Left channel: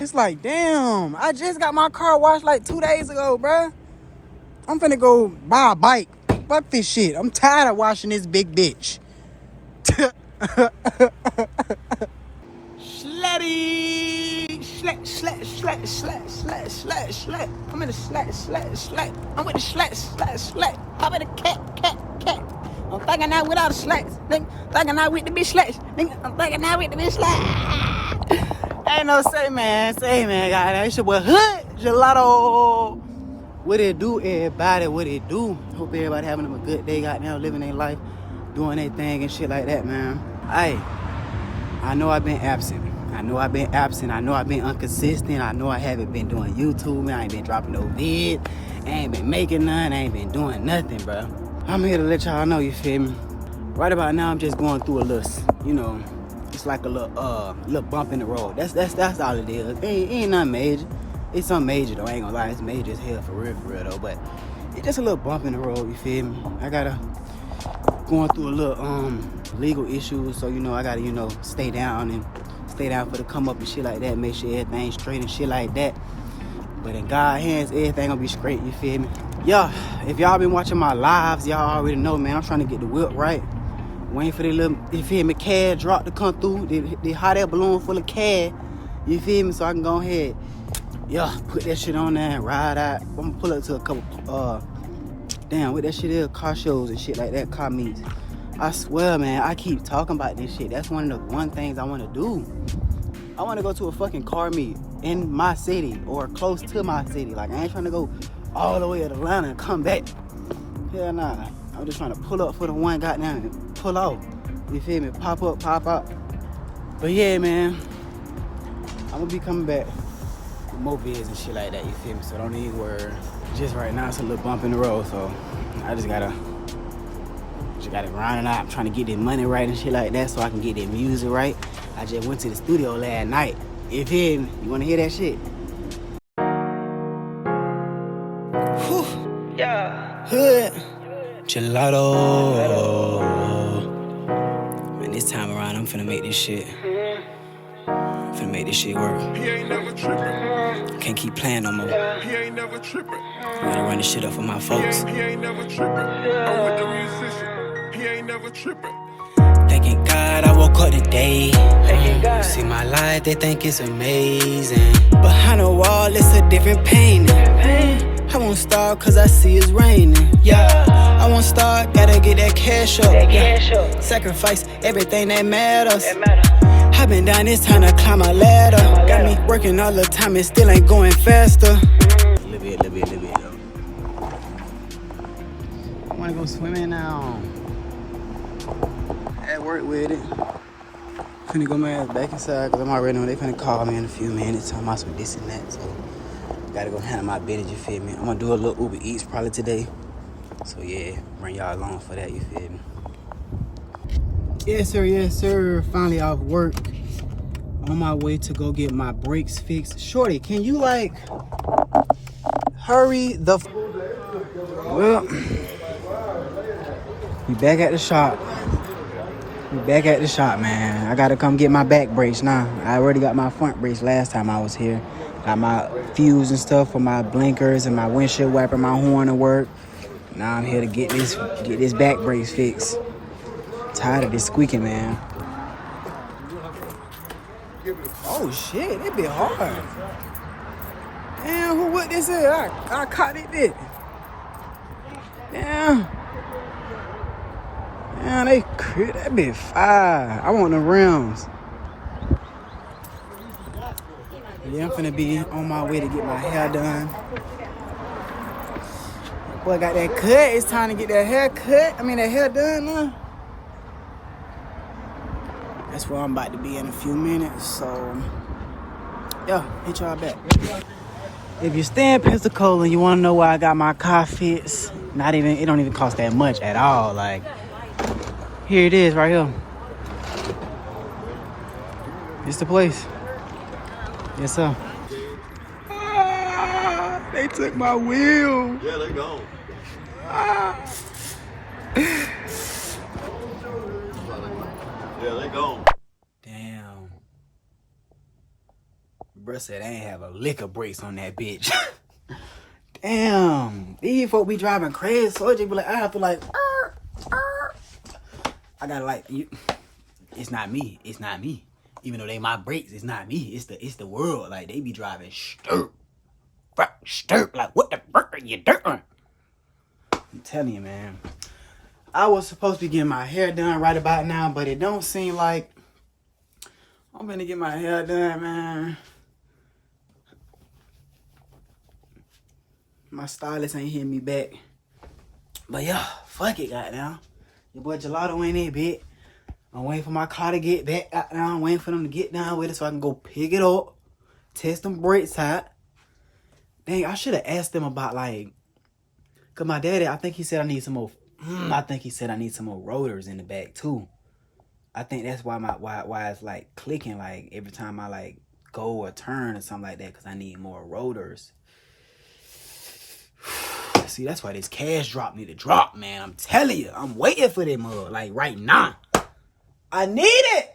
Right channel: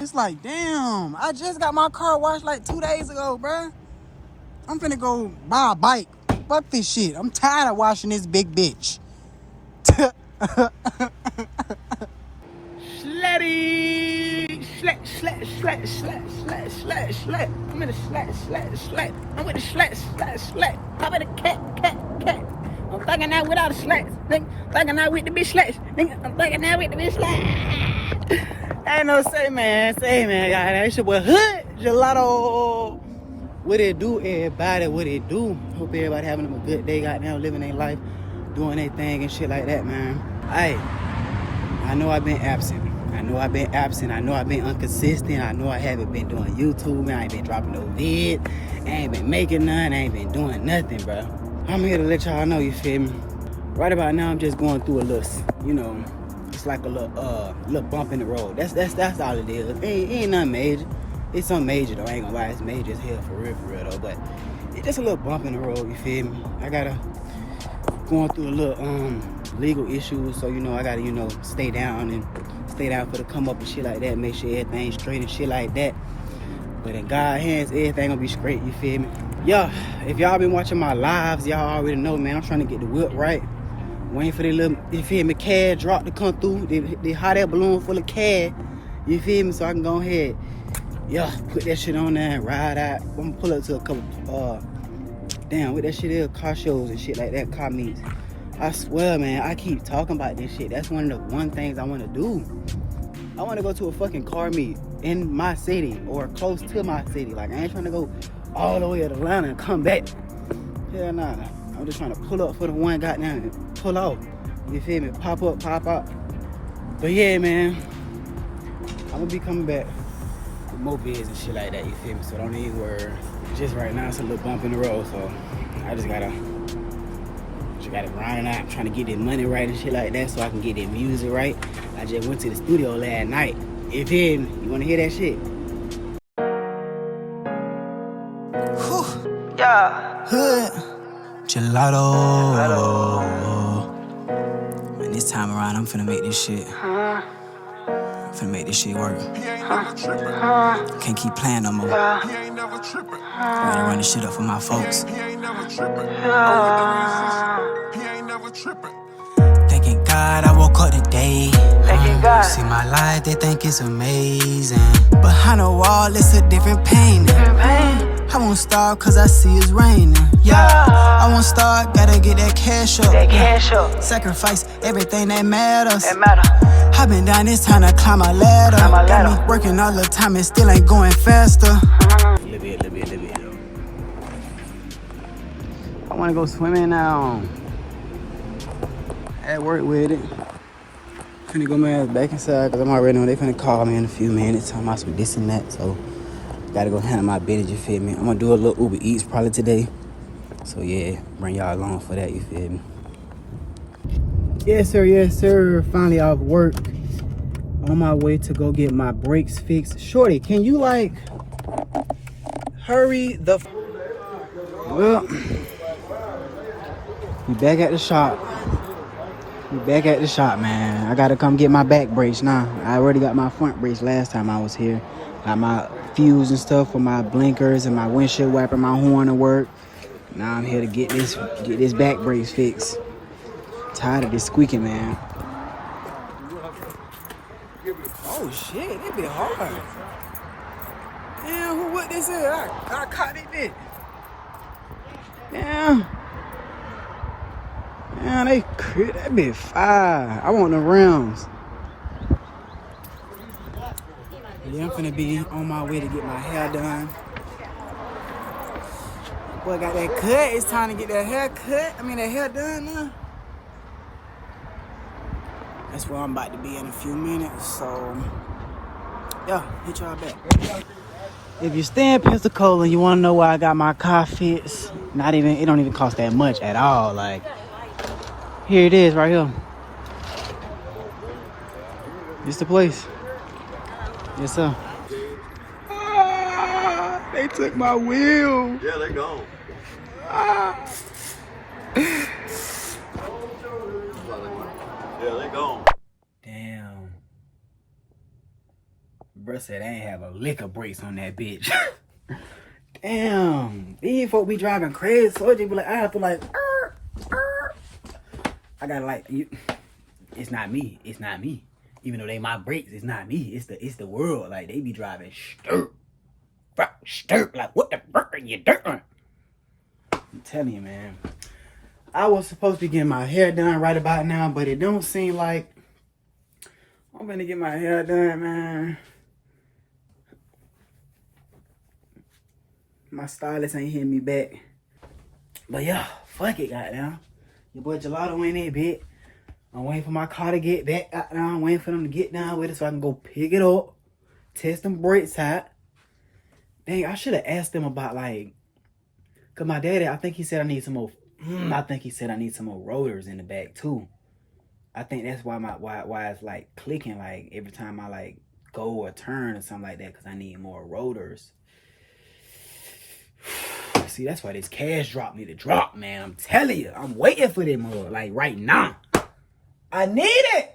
It's like, damn, I just got my car washed like 2 days ago, bruh. I'm finna go buy a bike. Fuck this shit. I'm tired of washing this big bitch. Slatty! Slat. I'm in the slat. I'm with the slat. I'm in the cat. I'm thugging out without a slat. Nigga, thugging out with the bitch slats. Nigga, I'm thugging out with the bitch slats. Ain't no say, man, guys. It's your boy Hood Gelato. What it do, everybody? What it do? Hope everybody having a good day, goddamn, living their life, doing their thing and shit like that, man. I know I've been absent. I know I've been inconsistent. I know I haven't been doing YouTube. I ain't been dropping no vid. I ain't been making none. I ain't been doing nothing, bro. I'm here to let y'all know, you feel me? Right about now, I'm just going through a little, it's like a little bump in the road. That's all it is. It ain't nothing major. It's something major though. I ain't gonna lie, it's major as hell for real though. But it's just a little bump in the road. You feel me? I gotta going through a little legal issues, so I gotta stay down for the come up and shit like that. Make sure everything's straight and shit like that. But in God's hands, everything gonna be straight. You feel me? Yeah. If y'all been watching my lives, y'all already know, man. I'm trying to get the whip right. Waiting for the little, you feel me, CAD drop to come through. They hot air balloon full of CAD. You feel me? So I can go ahead. Yeah, put that shit on there and ride out. I'm gonna pull up to a couple, what that shit is, car shows and shit like that, car meets. I swear, man, I keep talking about this shit. That's one of the things I want to do. I want to go to a fucking car meet in my city or close to my city. Like, I ain't trying to go all the way to Atlanta and come back. Hell nah. I'm just trying to pull up for the one goddamn and pull off. You feel me? Pop up, pop out. But yeah, man, I'm gonna be coming back. More vids and shit like that, you feel me? So don't even worry. Just right now it's a little bump in the road, so I just gotta grind out, trying to get this money right and shit like that, so I can get that music right. I just went to the studio last night. You feel me? You wanna hear that shit? Whew. Yeah. Hood Gelato. Man, this time around I'm finna make this shit. Finna make this shit work. He ain't never trippin'. Can't keep playing no more. He ain't never trippin'. Gotta run this shit up for my folks. He ain't never trippin'. I'm with the musician. He ain't never trippin'. Thanking God I woke up today. See my life, they think it's amazing. Behind the wall, it's a different pain. I won't stop cause I see it's raining. Yeah, I won't start, gotta get that cash up. Sacrifice everything that matters. I've been down this time to climb a ladder. Got me working all the time and still ain't going faster. Little bit, yo. I wanna go swimming now. At work with it. Finna go my ass back inside cause I'm already know they finna call me in a few minutes. Talking about some this and that, so gotta go handle my business, you feel me? I'm gonna do a little Uber Eats probably today. So yeah, bring y'all along for that, you feel me? Yes sir, finally off work. On my way to go get my brakes fixed. Shorty, can you like hurry the well, we back at the shop. Man. I gotta come get my back brakes now. I already got my front brakes last time I was here. Got my fuse and stuff for my blinkers and my windshield wiper, my horn to work. Now I'm here to get this back brakes fixed. Tired of this squeaking, man. Oh shit, it be hard. Damn, what this is? I caught it there. Damn, they crit that bit fire. I want the rims. Yeah, I'm finna be on my way to get my hair done. Boy, got that cut. It's time to get that hair cut. That hair done now. That's where I'm about to be in a few minutes. So, yeah, hit y'all back. If you stay in Pensacola and you want to know why I got my car fixed, it don't even cost that much at all. Like, here it is right here. It's the place. Yes, sir. They took my wheel. Yeah, they gone. Yeah, they gone. Damn. Bruh said I ain't have a lick of brakes on that bitch. Damn. These folk be driving crazy. So it just be like, I have to like, I gotta like, it's not me. It's not me. Even though they my brakes, it's not me. It's the world. Like, they be driving stirp. Like, what the fuck are you doing? I'm telling you, man. I was supposed to be getting my hair done right about now, but it don't seem like I'm gonna get my hair done, man. My stylist ain't hitting me back. But yeah, fuck it, goddamn. Your boy Gelato in there, bitch. I'm waiting for my car to get back out now. I'm waiting for them to get down with it so I can go pick it up. Test them brakes out. Dang, I should have asked them about like, cause my daddy, I think he said I need some more. I think he said I need some more rotors in the back too. I think that's why why it's like clicking like every time I like go or turn or something like that, cause I need more rotors. See, that's why this cash drop need to drop, man. I'm telling you, I'm waiting for them like right now. I need it.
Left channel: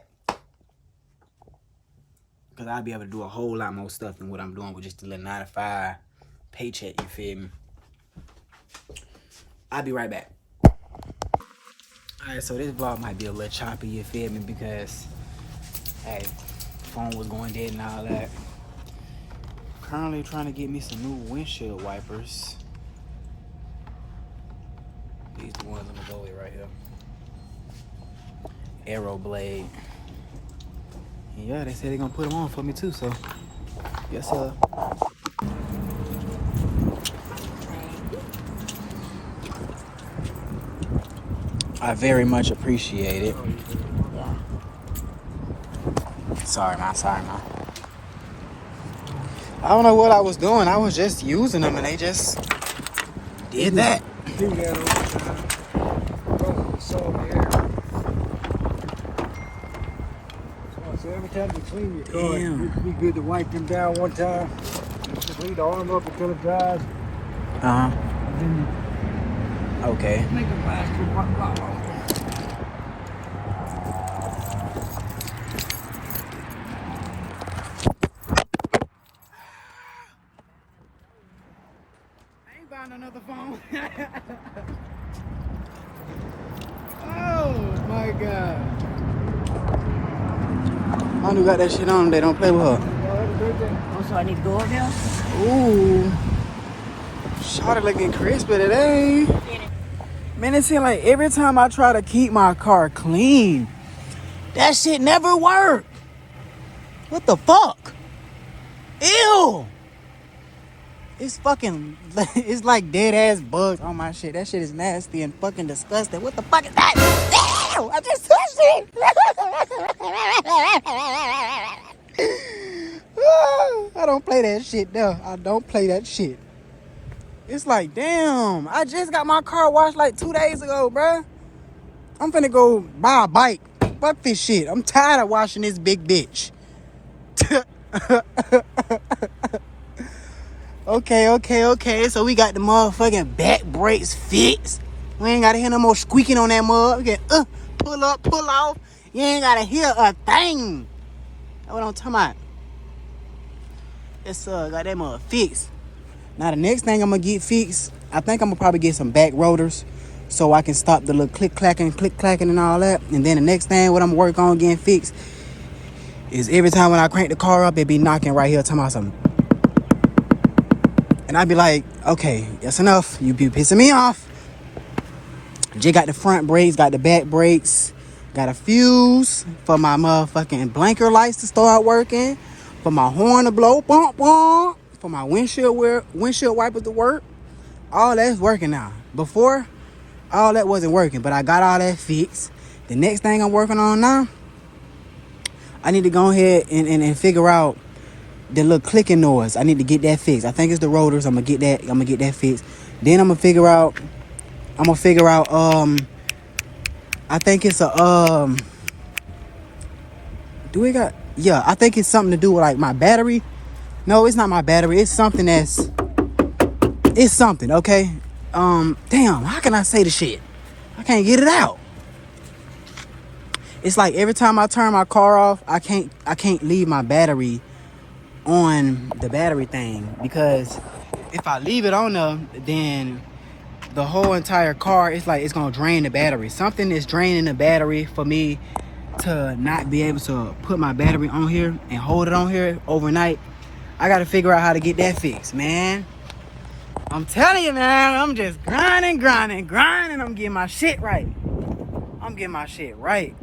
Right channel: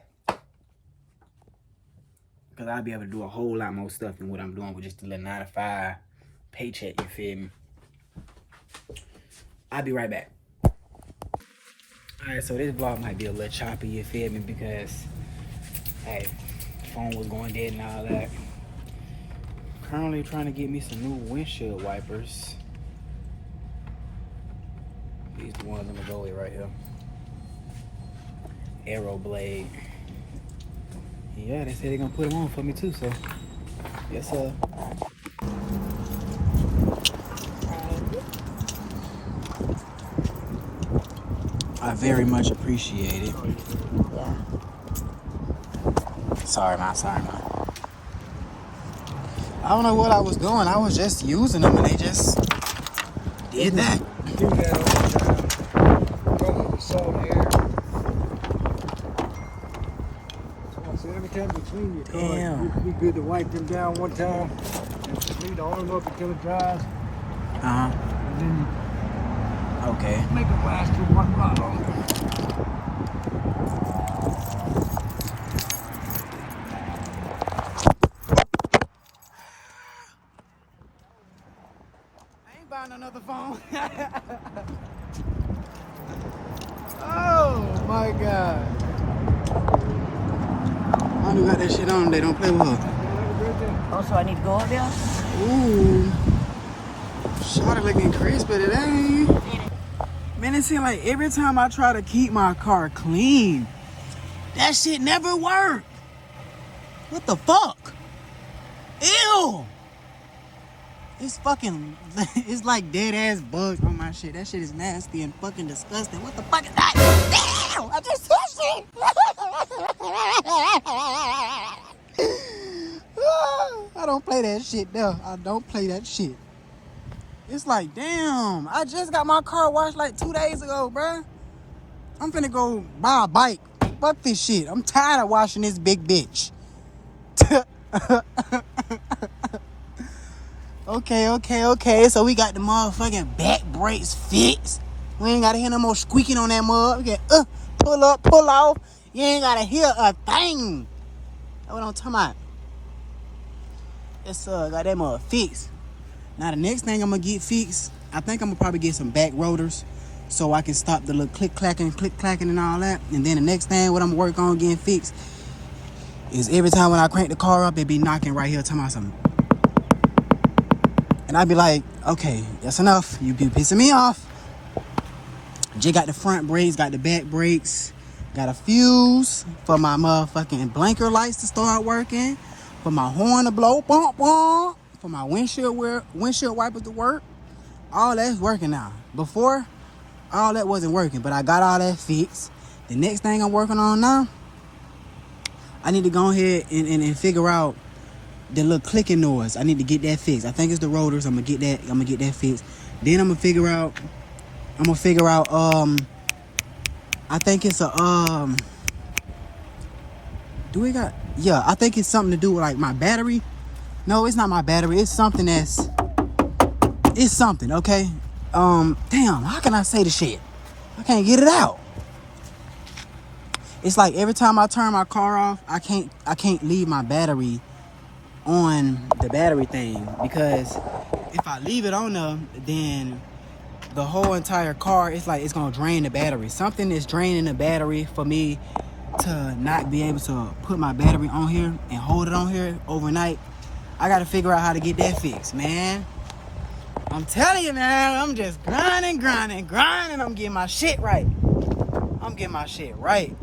Cause I'll be able to do a whole lot more stuff than what I'm doing with just a little 9 to 5 paycheck, you feel me? I'll be right back. Alright, so this vlog might be a little choppy, you feel me? Because, hey, phone was going dead and all that. Currently trying to get me some new windshield wipers. These the ones I'm gonna go with right here. Arrow blade. Yeah, they said they're gonna put them on for me too, so yes sir. I very much appreciate it. Yeah. Sorry, man. I don't know what I was doing. I was just using them and they just did that. Do that all the time. So every time you clean your car, it'd be good to wipe them down one time. Just leave the arm up until it dries. Uh-huh. And then okay. Make it last you one lot longer. I ain't buying another phone. Oh my god. I got that shit on. They don't play with her. Oh, so I need to go up there? Ooh. Shawty looking crispy today. Man, it seems like every time I try to keep my car clean, that shit never work. What the fuck? Ew. It's fucking, it's like dead ass bugs on my shit. That shit is nasty and fucking disgusting. What the fuck is that? Ew, I just touched it. I don't play that shit though. I don't play that shit. It's like, damn, I just got my car washed like 2 days ago, bruh. I'm finna go buy a bike. Fuck this shit. I'm tired of washing this big bitch. Okay. So we got the motherfucking back brakes fixed. We ain't gotta hear no more squeaking on that mug. We can pull up, pull off. You ain't gotta hear a thing. That's what I'm talking about. It's got that mug fixed. Now the next thing I'm gonna get fixed, I think I'm gonna probably get some back rotors so I can stop the little click clacking and all that. And then the next thing what I'm gonna work on getting fixed is every time when I crank the car up, it be knocking right here talking about something. And I'd be like, okay, that's enough. You be pissing me off. J got the front brakes, got the back brakes, got a fuse for my motherfucking blinker lights to start working, for my horn to blow, bonk, bonk, for my windshield wipers to work. All that's working now. Before, all that wasn't working, but I got all that fixed. The next thing I'm working on now, I need to go ahead and figure out the little clicking noise. I need to get that fixed. I think it's the rotors. I'm gonna get that fixed. Then I'm gonna figure out I think it's a I think it's something to do with like my battery. No, it's not my battery. It's something, okay? Damn, how can I say the shit? I can't get it out. It's like every time I turn my car off, I can't leave my battery on the battery thing, because if I leave it on there, then the whole entire car, it's like it's gonna drain the battery. Something is draining the battery for me to not be able to put my battery on here and hold it on here overnight. I gotta figure out how to get that fixed, man. I'm telling you, man, I'm just grinding. I'm getting my shit right.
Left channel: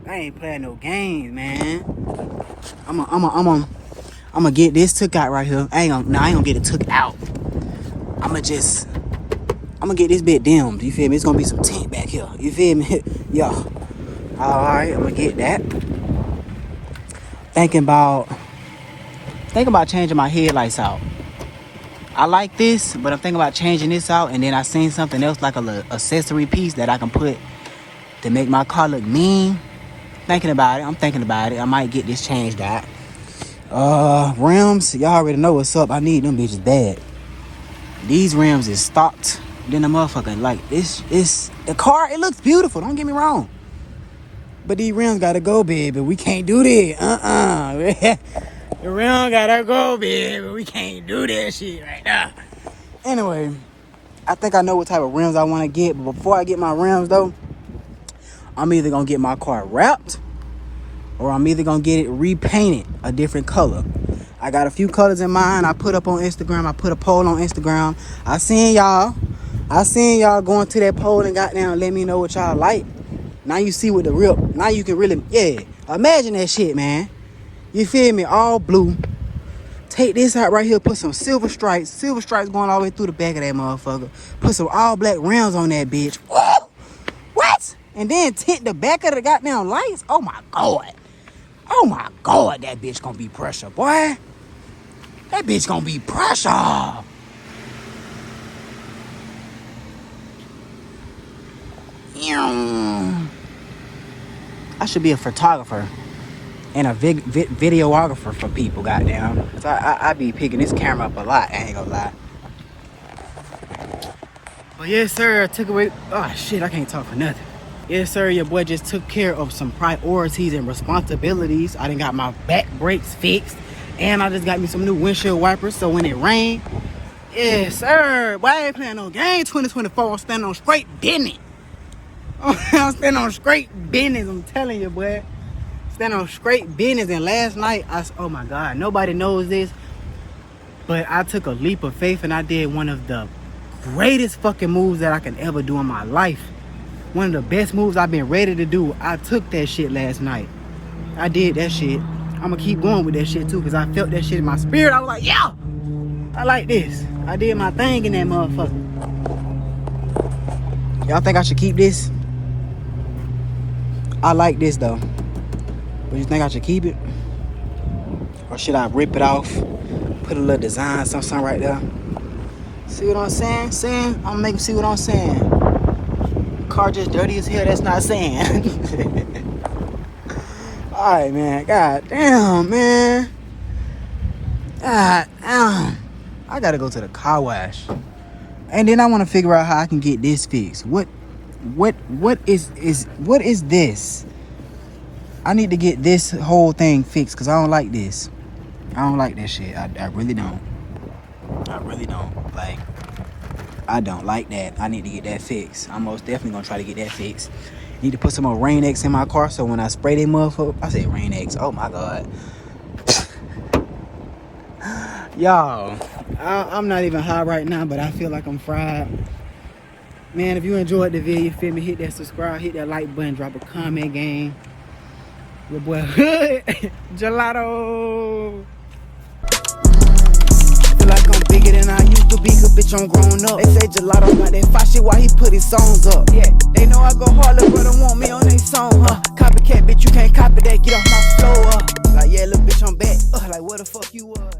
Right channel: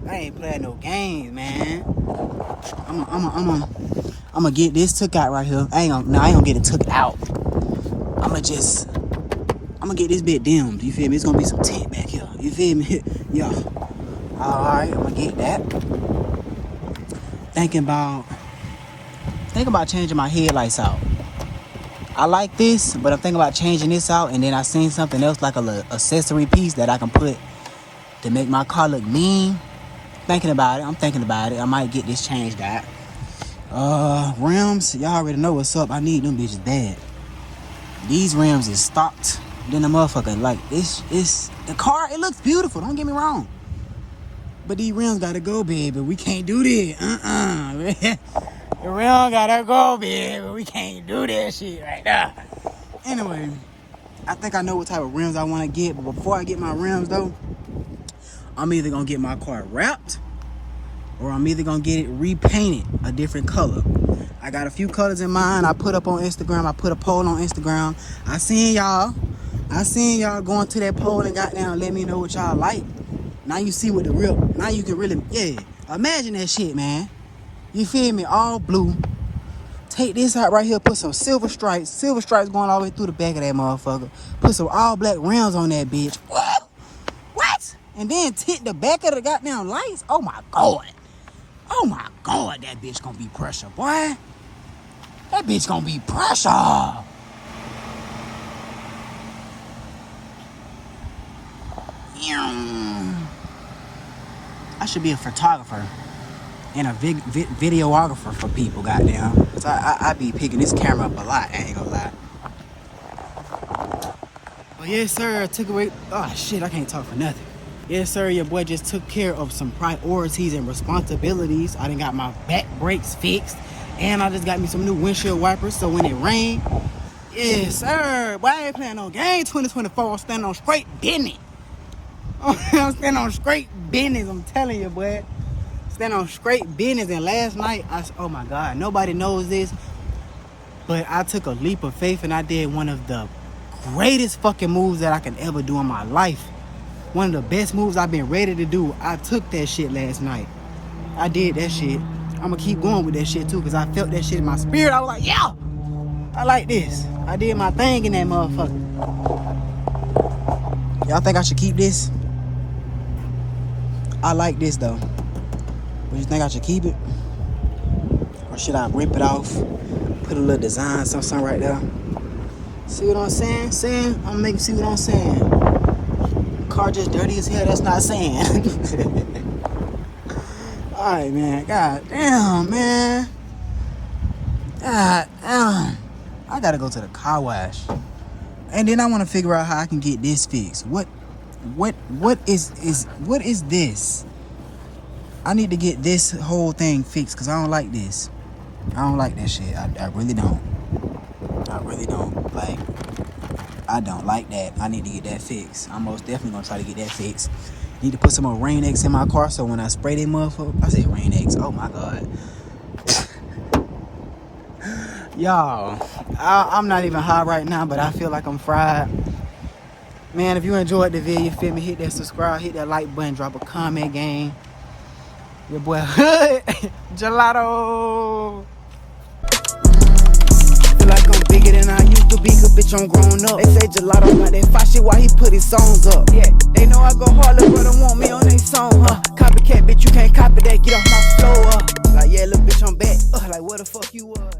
I ain't playing no games, man. I'm gonna get this took out right here. I ain't gonna get it took out. I'm gonna get this bit dimmed. You feel me? It's gonna be some tint back here. You feel me? Yo. Alright, I'm gonna get that. Thinking about changing my headlights out. I like this, but I'm thinking about changing this out, and then I seen something else like a little accessory piece that I can put to make my car look mean. I'm thinking about it. I might get this changed out. Rims, y'all already know what's up. I need them bitches bad. These rims is stopped. Then the motherfucker, like, the car, it looks beautiful, don't get me wrong. But these rims gotta go, baby. We can't do that. The rim gotta go, baby. We can't do that shit right now. Anyway, I think I know what type of rims I want to get. But before I get my rims, though, I'm either going to get my car wrapped, or I'm either going to get it repainted a different color. I got a few colors in mind. I put up on Instagram. I put a poll on Instagram. I seen y'all going to that poll and goddamn let me know what y'all like. Now you see what the real, now you can really, yeah. Imagine that shit, man. You feel me? All blue. Take this out right here. Put some silver stripes going all the way through the back of that motherfucker. Put some all black rims on that bitch. Whoa! What? And then tint the back of the goddamn lights? Oh my God. That bitch gonna be pressure, boy. That bitch gonna be pressure. I should be a photographer and a videographer for people, goddamn. Cause I be picking this camera up a lot, I ain't gonna lie. But yes, sir, I took away, oh shit, I can't talk for nothing. Yes, sir, your boy just took care of some priorities and responsibilities. I done got my back brakes fixed, and I just got me some new windshield wipers, so when it rain, yes, sir, boy, I ain't playing no game. 2024, I'm standing on straight business. I'm standing on straight business, I'm telling you, boy. Standing on straight business. And last night, oh my God, nobody knows this, but I took a leap of faith and I did one of the greatest fucking moves that I can ever do in my life. One of the best moves I've been ready to do. I took that shit last night. I did that shit. I'm gonna keep going with that shit too, because I felt that shit in my spirit. I was like, yeah, I like this. I did my thing in that motherfucker. Y'all think I should keep this? I like this though. But you think I should keep it? Or should I rip it off? Put a little design, something right there. See what I'm saying? I'm gonna make you see what I'm saying. Car just dirty as hell, that's not saying. Alright, man. God damn, man. God damn. I gotta go to the car wash. And then I wanna figure out how I can get this fixed. What is this? I need to get this whole thing fixed because I don't like this. I don't like that shit. I really don't. I really don't. Like, I don't like that. I need to get that fixed. I'm most definitely gonna try to get that fixed. Need to put some more Rain X in my car so when I spray that motherfucker, I said Rain X. Oh my God. Y'all, I'm not even high right now, but I feel like I'm fried. Man, if you enjoyed the video, you feel me, hit that subscribe, hit that like button, drop a comment, gang. Your boy Hood Gelato. Feel like I'm bigger than I used to be, cause bitch I'm grown up. They say Gelato got that fire shit while he put his songs up. Yeah, they know I go hard, look, brother want me on they song, huh? Copycat, bitch, you can't copy that, get off my floor. Like, yeah, little bitch, I'm back. Like, what the fuck you was?